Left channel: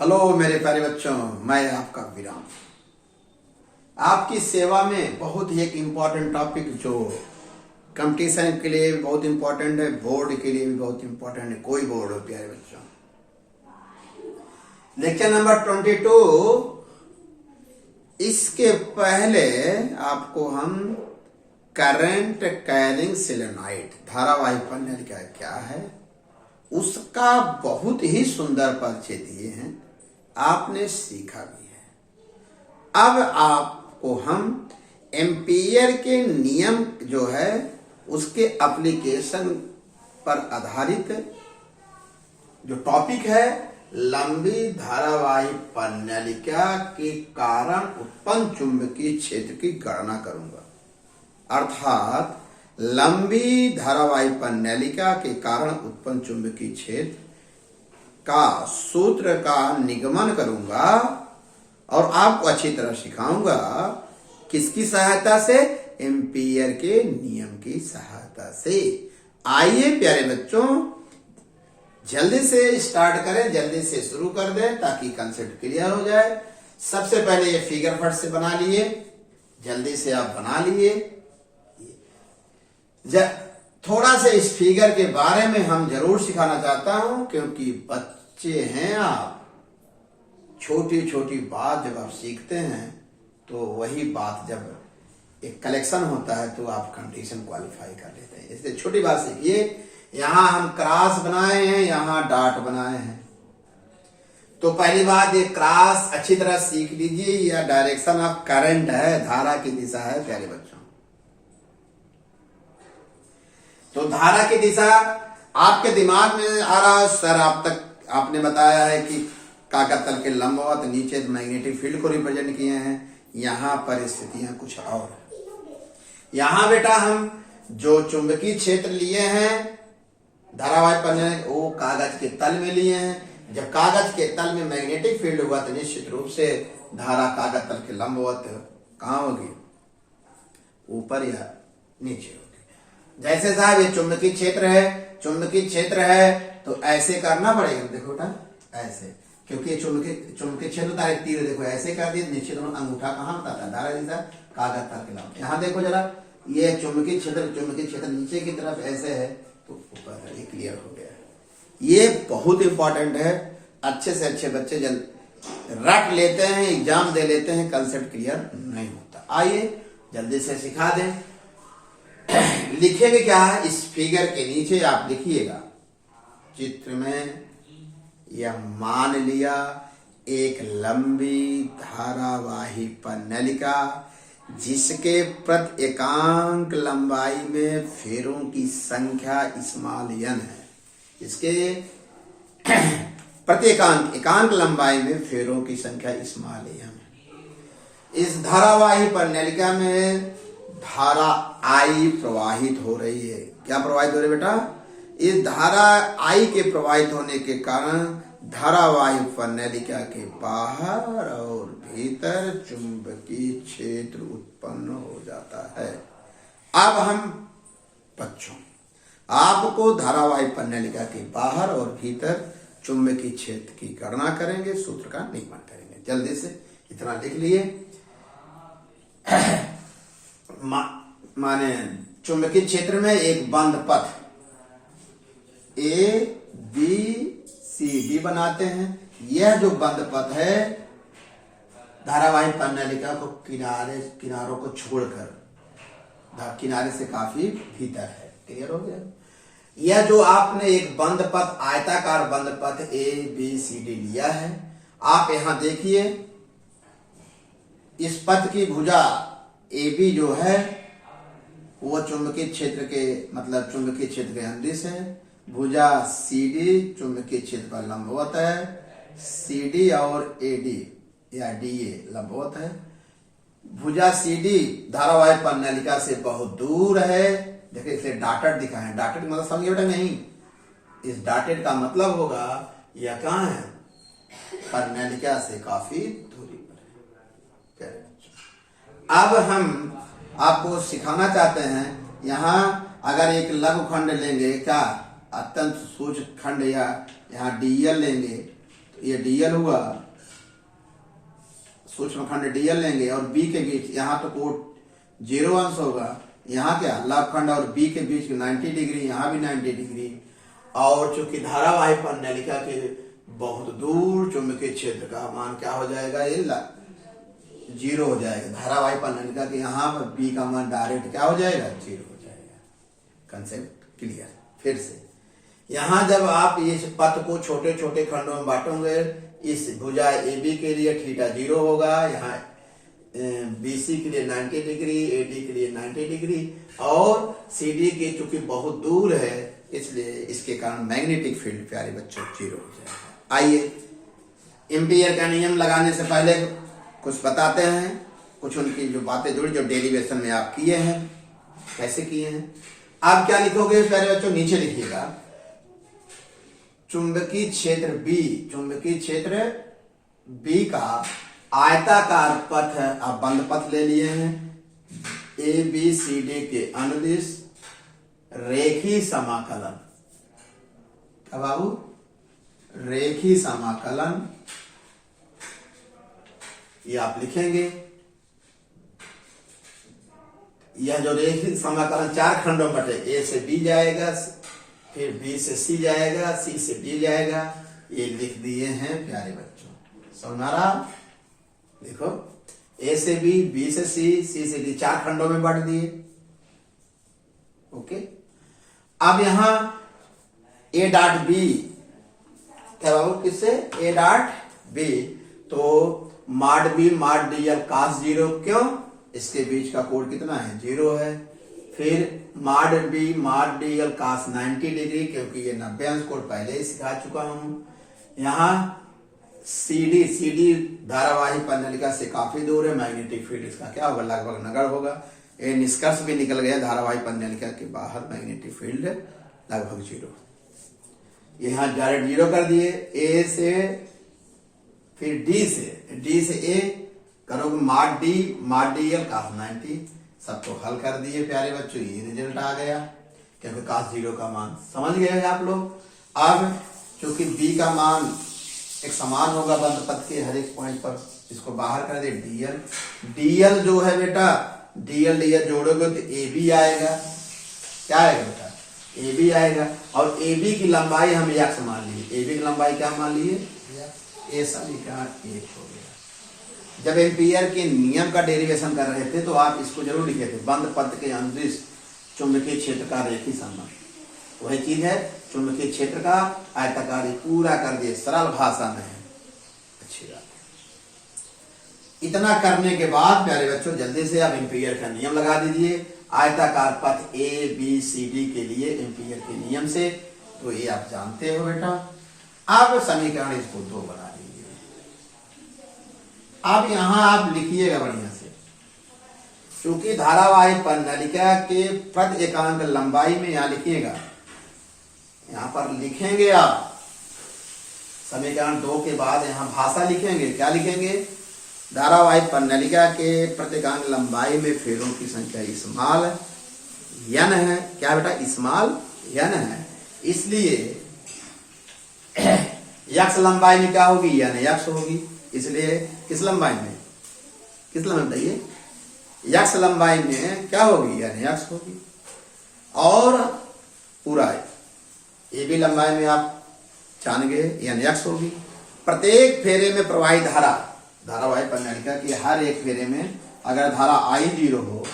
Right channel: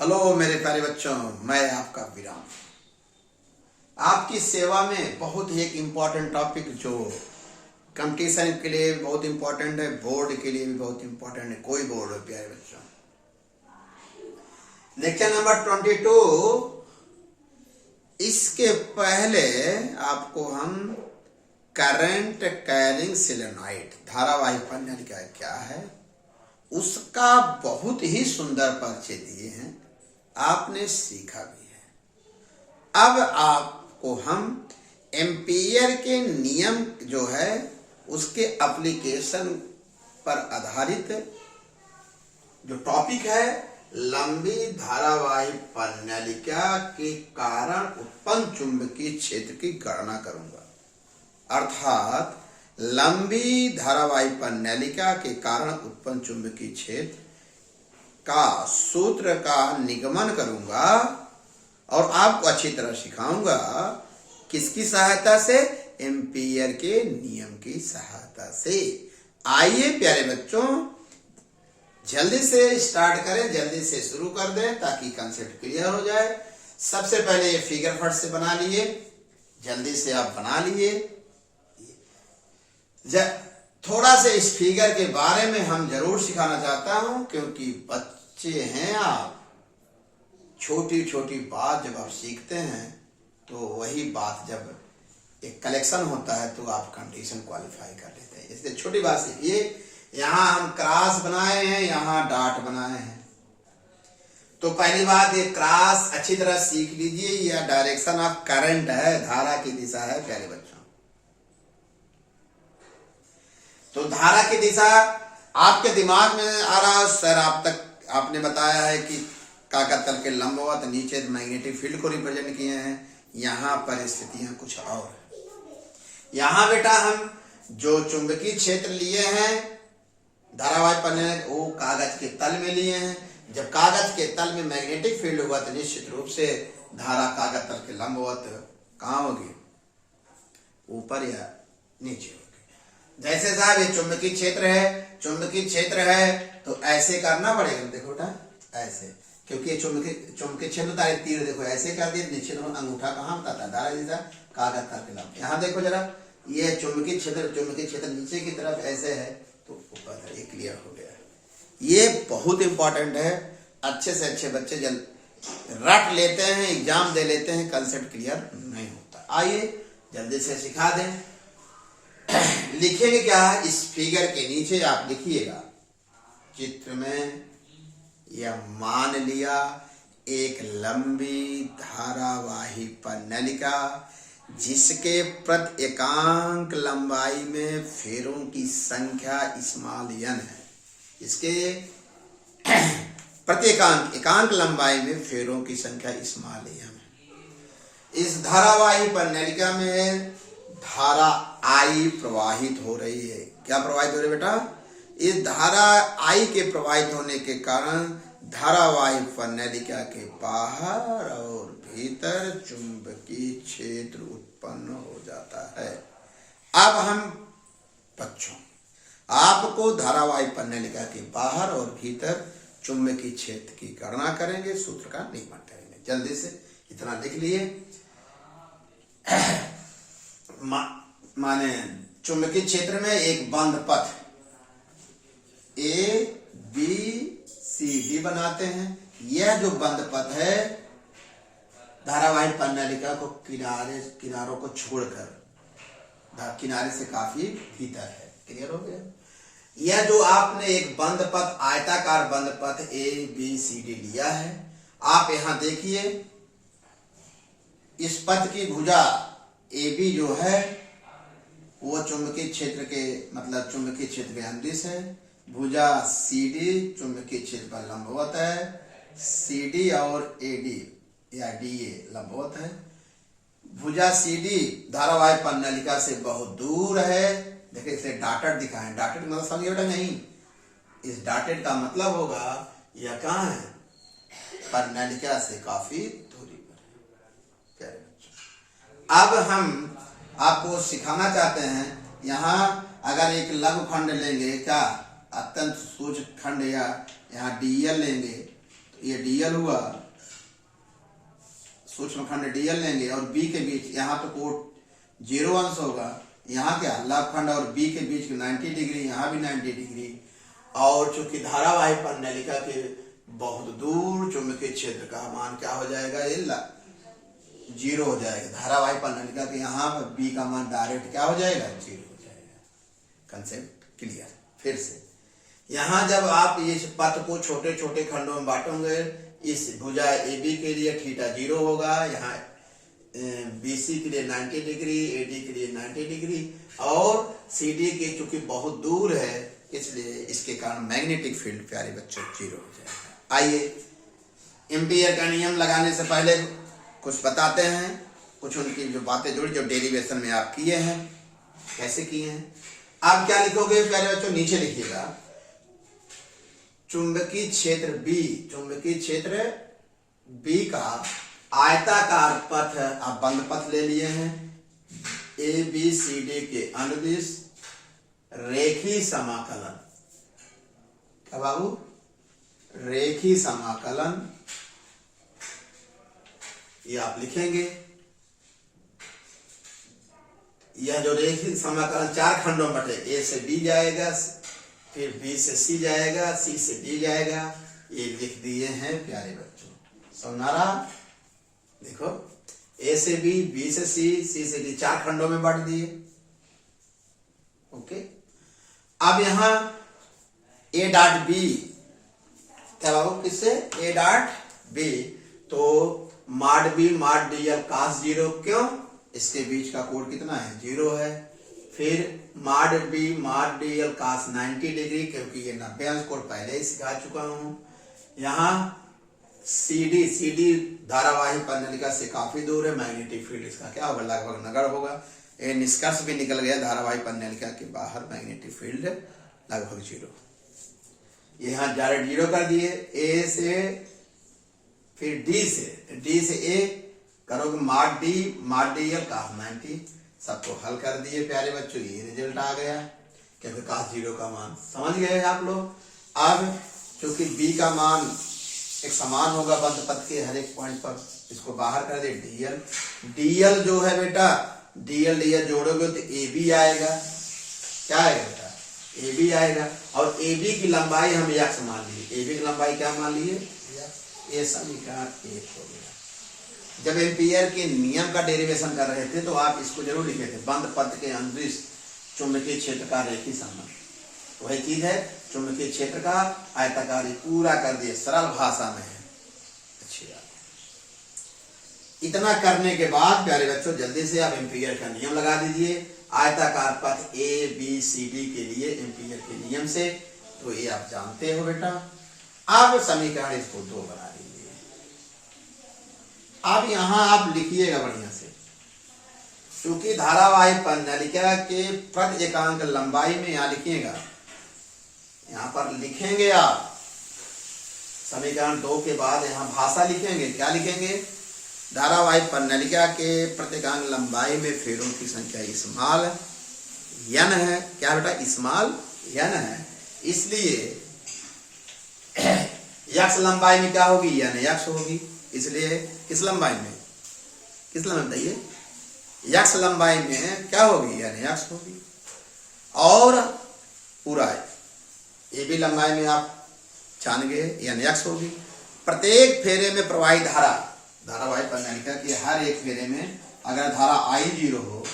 Hello मेरे प्यारे बच्चों, मैं आपका विराम आपकी सेवा में बहुत ही एक इम्पॉर्टेंट टॉपिक जो कंपटीशन के लिए भी बहुत इम्पोर्टेंट है, बोर्ड के लिए भी बहुत इम्पोर्टेंट है। कोई बोर्ड हो प्यारे बच्चों, देखिए नंबर 22। इसके पहले आपको हम करंट कैरिंग सोलेनॉइड धारावाही प्रणाली क्या है उसका बहुत ही सुंदर परिचय दिए हैं, आपने सीखा भी है। अब आपको हम एम्पियर के नियम जो है उसके एप्लीकेशन पर आधारित जो टॉपिक है, लंबी धारावाही प्रणालिका के कारण उत्पन्न चुंबकीय क्षेत्र की गणना करूंगा। अर्थात लंबी धारावाही प्रणालिका के कारण उत्पन्न चुंबकीय क्षेत्र का सूत्र का निगमन करूंगा और आपको अच्छी तरह सिखाऊंगा। किसकी सहायता से? एम्पियर के नियम की सहायता से। आइए प्यारे बच्चों, जल्दी से स्टार्ट करें, जल्दी से शुरू कर दें ताकि कंसेप्ट क्लियर हो जाए। सबसे पहले ये फिगर फट से बना लिए, जल्दी से आप बना लिए। थोड़ा सा इस फिगर के बारे में हम जरूर सिखाना चाहता हूं, क्योंकि बच्चे हैं आप, छोटी छोटी बात जब आप सीखते हैं तो वही बात जब एक कलेक्शन होता है तो आप कंपटीशन क्वालिफाई कर लेते हैं। इसलिए छोटी बात सीखिए। यहां हम क्रॉस बनाए हैं, यहां डॉट बनाए हैं। तो पहली बात, ये क्रॉस अच्छी तरह सीख लीजिए। यह डायरेक्शन ऑफ करंट है, धारा की दिशा है प्यारे बच्चों। तो धारा की दिशा आपके दिमाग में आ रहा है सर, आप तक आपने बताया है कि कागज तल के लंबवत नीचे मैग्नेटिक फील्ड को रिप्रेजेंट किए हैं। यहां परिस्थितियां कुछ और है। यहां बेटा हम जो चुंबकीय क्षेत्र लिए हैं धारावाही प्रणाली, वो कागज के तल में लिए हैं। जब कागज के तल में मैग्नेटिक फील्ड हुआ तो निश्चित रूप से धारा कागज तल के लंबवत कहां होगी? ऊपर या नीचे। जैसे साहब ये चुंबकीय क्षेत्र है, चुंबकीय क्षेत्र है तो ऐसे करना पड़ेगा। देखो बेटा ऐसे, क्योंकि चुंबकीय क्षेत्र होता है तीर, देखो ऐसे कर दिए, नीचे दोनों अंगूठा कहाँ होता है? धारा दिशा कागज तल के लंब। यहाँ देखो जरा, ये चुंबकीय क्षेत्र नीचे की तरफ ऐसे है तो ऊपर है। ये क्लियर हो गया। ये बहुत इंपॉर्टेंट है। अच्छे से अच्छे बच्चे रट लेते हैं, एग्जाम दे लेते हैं, कंसेप्ट क्लियर नहीं होता। आइए जल्दी से सिखा दें। लिखेंगे क्या है इस फिगर के नीचे? आप लिखिएगा चित्र में, यह मान लिया एक लंबी धारावाही प्रणालिका जिसके प्रति एकांक लंबाई में फेरों की संख्या स्मॉल n है। इसके प्रति एकांक लंबाई में फेरों की संख्या स्मॉल n है। इस धारावाही प्रणालिका में धारा I प्रवाहित हो रही है। क्या प्रवाहित हो रही है बेटा? इस धारा I के प्रवाहित होने के कारण धारावाही प्रणालिका के बाहर और भीतर चुंबकीय क्षेत्र उत्पन्न हो जाता है। अब हम बच्चों आपको धारावाही प्रणालिका के बाहर और भीतर चुंबकीय क्षेत्र की गणना करेंगे, सूत्र का निगमन करेंगे। जल्दी से इतना लिख लिए। माने चुंबकीय क्षेत्र में एक बंद पथ ABCD बनाते हैं। यह जो बंद पथ है धारावाही प्रणालिका को किनारों को छोड़कर किनारे से काफी भीतर है। क्लियर हो गया? यह जो आपने एक बंद पथ, आयताकार बंद पथ ABCD लिया है, आप यहां देखिए इस पथ की भुजा AB जो है वो चुंबकीय क्षेत्र के चुंबकीय क्षेत्र के अंदिश है। भुजा CD चुंबकीय क्षेत्र पर लंबवत है। CD और AD या DA लंबवत है। भुजा CD धारावाही प्रणालिका से बहुत दूर है। देखिए इसे डॉटेड दिखा है। डॉटेड मतलब समझिए बेटा नहीं, इस डॉटेड का मतलब होगा यह कहाँ है? प्रणालिका से काफी दूरी पर है। अब हम आपको सिखाना चाहते हैं, यहाँ अगर एक लघु खंड लेंगे, क्या अत्यंत सूक्ष्म खंड, या यहाँ DL लेंगे ये डीएल हुआ, सूक्ष्म खंड डीएल लेंगे और बी के बीच यहाँ तो कोण 0 अंश होगा, यहाँ क्या लघु खंड और बी के बीच 90 डिग्री, यहाँ भी 90 डिग्री। और चूंकि धारावाही परिनलिका के बहुत दूर चुंबकीय क्षेत्र का मान क्या हो जाएगा, ये 0 हो जाएगा। धारावाही परिनलिका के यहाँ पर बी का मान डायरेक्ट क्या हो जाएगा, 0 हो जाएगा। Concept clear. फिर से यहाँ जब आप इस पथ को छोटे छोटे खंडों में बांटोगे, इस भुजा AB के लिए थीटा 0 होगा, यहाँ BC के लिए 90 डिग्री, AD के लिए 90 डिग्री, और CD के चूंकि बहुत दूर है इसलिए इसके कारण मैग्नेटिक फील्ड प्यारे बच्चों 0 हो जाएगा। आइए एम्पियर का नियम लगाने से पहले कुछ बताते हैं, कुछ उनकी जो बातें जुड़ी जो डेरिवेशन में आप किए हैं, कैसे किए हैं। आप क्या लिखोगे प्यारे बच्चों, नीचे लिखिएगा चुंबकीय क्षेत्र B, चुंबकीय क्षेत्र B का आयताकार पथ, आप बंद पथ ले लिए हैं, ABCD के अनुदिश रेखी समाकलन, क्या बाबू, रेखी समाकलन, ये आप लिखेंगे। यह जो रेखी समाकलन 4 खंडों में बटे, A से B जाएगा, फिर B से C जाएगा, C से D जाएगा, ये लिख दिए हैं प्यारे बच्चों। समझ आ रहा? देखो A से B से C से D, 4 खंडों में बांट दिए। ओके, अब यहां A डॉट B क्या बाबू, किससे, A डॉट B, तो माड B माड DL cos 0, क्यों, इसके बीच का कोण कितना है, 0 है। फिर माड B माड DL cos 90 डिग्री, क्योंकि ये 90 अंश कोण पहले ही सिखा चुका हूं। यहाँ CD धारावाही परिनलिका से काफी दूर है, मैग्नेटिक फील्ड इसका क्या होगा, लगभग नगण्य होगा। ये निष्कर्ष भी निकल गया, धारावाही परिनलिका के बाहर मैग्नेटिक फील्ड लगभग 0। यहाँ डायरेक्ट 0 कर दिए। A से फिर D से A करोगे माड D माड DL cos 90, सबको हल कर दिए प्यारे बच्चों, ये रिजल्ट आ गया, क्योंकि cos 0 का मान समझ गए आप लोग। अब चूंकि B का मान एक समान होगा बंद पथ के हर एक पॉइंट पर, इसको बाहर कर दे DL जो है बेटा, DL जोड़ोगे तो AB आएगा, क्या आएगा बेटा, AB आएगा। और AB की लंबाई हम x मान लिए, AB की लंबाई क्या मान लिए, ये समीकरण 1 हो गया। जब एम्पियर के नियम का डेरिवेशन कर रहे थे तो आप इसको जरूर लिखे थे, बंद पथ के अनुदिश चुंबकीय क्षेत्र का रेखी संबंध, वही चीज है, चुंबकीय क्षेत्र का आयताकार, पूरा कर दिए, सरल भाषा में है, अच्छी बात है। इतना करने के बाद प्यारे बच्चों जल्दी से आप एम्पियर का नियम लगा दीजिए, आयताकार पथ ABCD के लिए एम्पियर के नियम से, तो ये आप जानते हो बेटा। अब समीकरण इसको 2 बना दीजिए। अब यहां आप लिखिएगा बढ़िया से, क्योंकि धारावाही परिनलिका के प्रति एकांक लंबाई में यहां लिखिएगा, यहां पर लिखेंगे आप समीकरण 2 के बाद यहां भाषा लिखेंगे, क्या लिखेंगे, धारावाही परिनलिका के प्रति एकांक लंबाई में फेरों की संख्या स्मॉल n है, क्या बेटा, स्मॉल n है, इसलिए x लंबाई में क्या होगी, n होगी, इसलिए किस लंबाई में, बताइए, x लंबाई में क्या होगी, n होगी। और पूरा AB लंबाई में आप जान गए n होगी। प्रत्येक फेरे में प्रवाही धारा, धारावाही परिनलिका की हर एक फेरे में अगर धारा I0 हो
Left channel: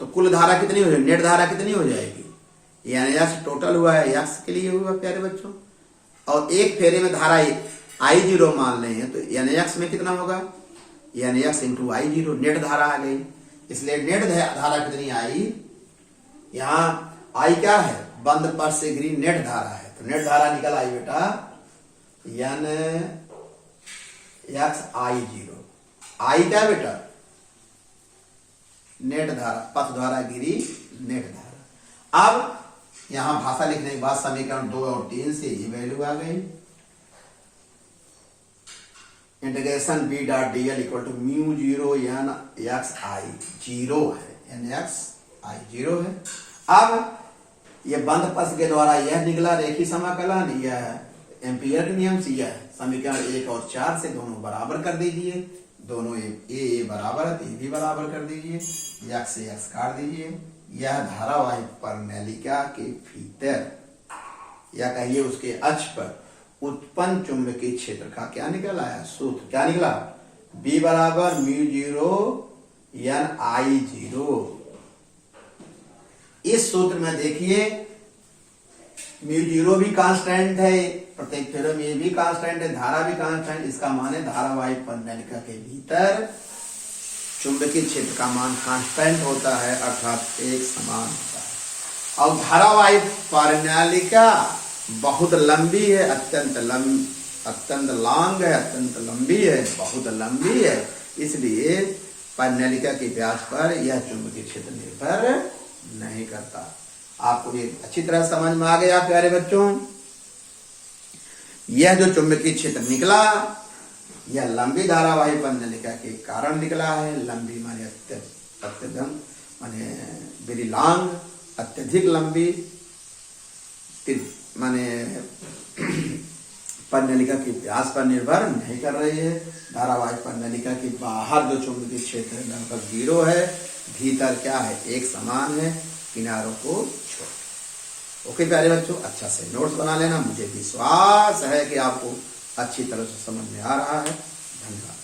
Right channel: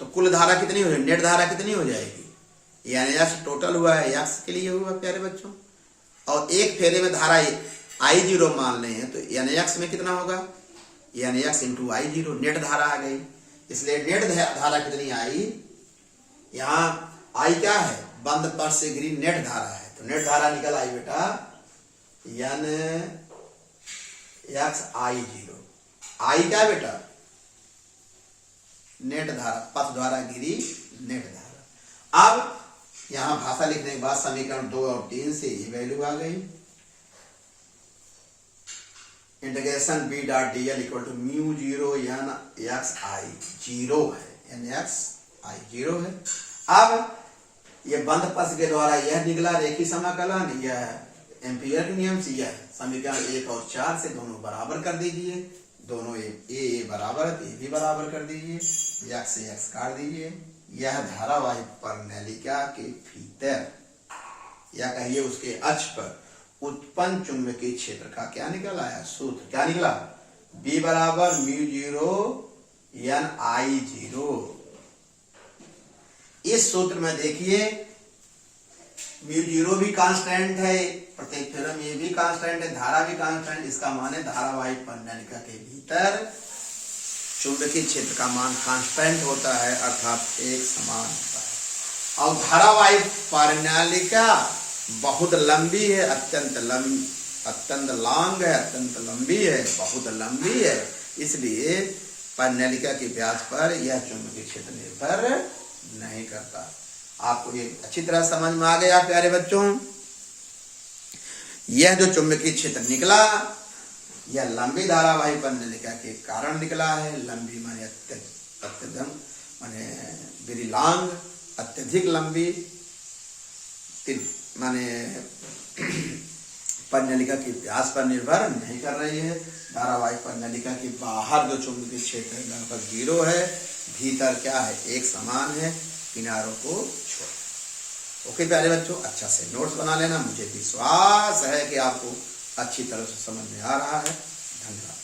तो कुल धारा कितनी हो जाएगी, नेट धारा कितनी हो जाएगी, n टोटल हुआ है, x के लिए हुआ प्यारे बच्चों। और एक फेरे में धारा I0 मान रहे हैं तो n में कितना होगा, n इंटू I0, नेट धारा आ गई। इसलिए नेट धारा कितनी आई, यहाँ I क्या है, बंद पथ से घिरी नेट धारा है, तो नेट धारा निकल आई बेटा n I0। I क्या बेटा, नेट धारा, पथ धारा गिरी नेट धारा। अब यहां भाषा लिखने के बाद समीकरण 2 और 3 से ये वैल्यू आ गई, integration B dot DL equal to mu 0 nxi, 0 है, nxi 0 है। अब ये बंद पथ के द्वारा यह निकला रेखी समाकलन, यह एम्पियर के नियम से यह समीकरण 1 और 4 से दोनों बराबर कर दीजिए। दोनों ए बराबर है तो ए भी बराबर कर दीजिए, यक्स से यक्स काट दीजिए। यह धारावाहिक परिनालिका के भीतर या कहिए उसके अक्ष पर उत्पन्न चुंबकीय क्षेत्र का क्या निकल आया सूत्र, क्या निकला, B बराबर म्यू 0 एन आई 0। इस सूत्र में देखिए म्यू 0 भी कांस्टेंट है, प्रत्येक थ्योरम में ये भी कांस्टेंट है, धारा भी कांस्टेंट। इसका मान है धारावाहिक परिनालिका के भीतर चुंबकीय क्षेत्र का मान कांस्टेंट होता है, अर्थात एक समान होता है। और धारावाहिक परिनालिका बहुत लंबी है, अत्यंत लॉन्ग है, अत्यंत लंबी है, बहुत लंबी है। इसलिए परिनालिका के व्यास पर यह चुंबकीय क्षेत्र निर्भर नहीं करता। आपको ये अच्छी तरह समझ में आ गया प्यारे बच्चों। यह जो चुंबकीय क्षेत्र निकला यह लंबी धारावाहिक परिनालिका के कारण निकला है। लंबी माने अत्यधिक माने वेरी लॉन्ग, अत्यधिक लंबी माने परिनालिका के व्यास पर निर्भर नहीं कर रही है। धारावाहिक परिनालिका के बाहर जो चुंबकीय क्षेत्र है लगभग 0 है, भीतर क्या है एक समान है, किनारों को छोड़। ओके प्यारे बच्चों, अच्छा से नोट्स बना लेना। मुझे विश्वास है कि आपको अच्छी तरह से समझ में आ रहा है। धन्यवाद।